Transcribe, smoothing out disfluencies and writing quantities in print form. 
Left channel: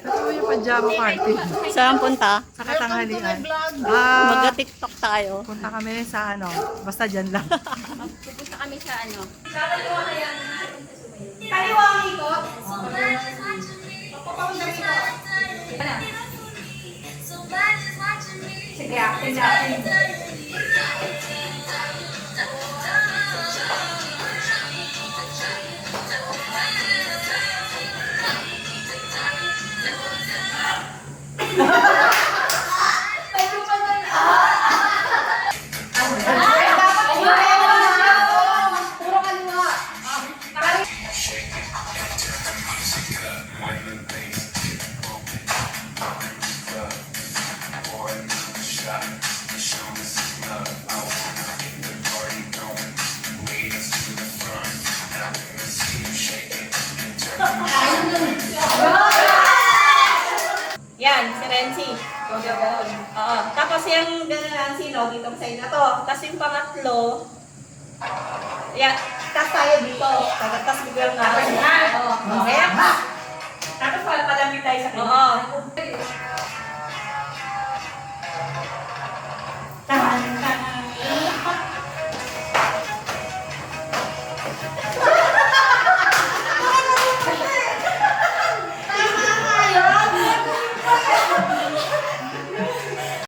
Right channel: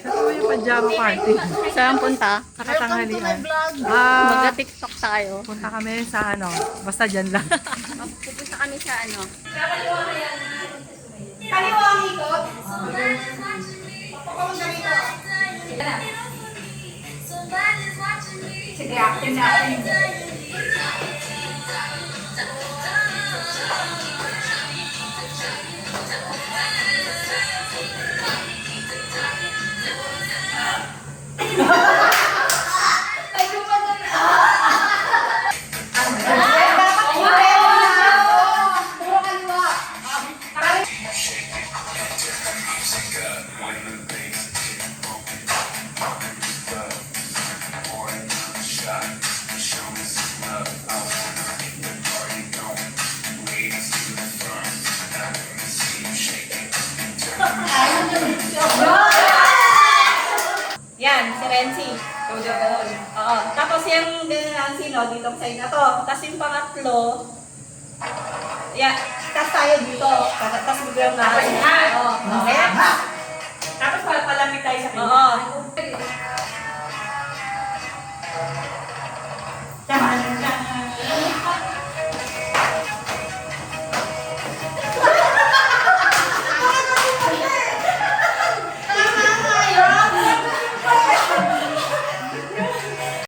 Ito yung pajama party. Saan punta? Sa katanghalian. Magka-TikTok tayo. Punta kami sa ano, basta dyan lang. Pupunta kami sa ano. Sige, acting natin. Yan, si Renzi. Oo. Tapos yung gano'n ang sino, dito side na to. Tapos yung pangatlo, yan, tapos tayo dito. Tapos biglang na. Tapos na. Oo. Okay. Tapos palamig tayo sa Oo.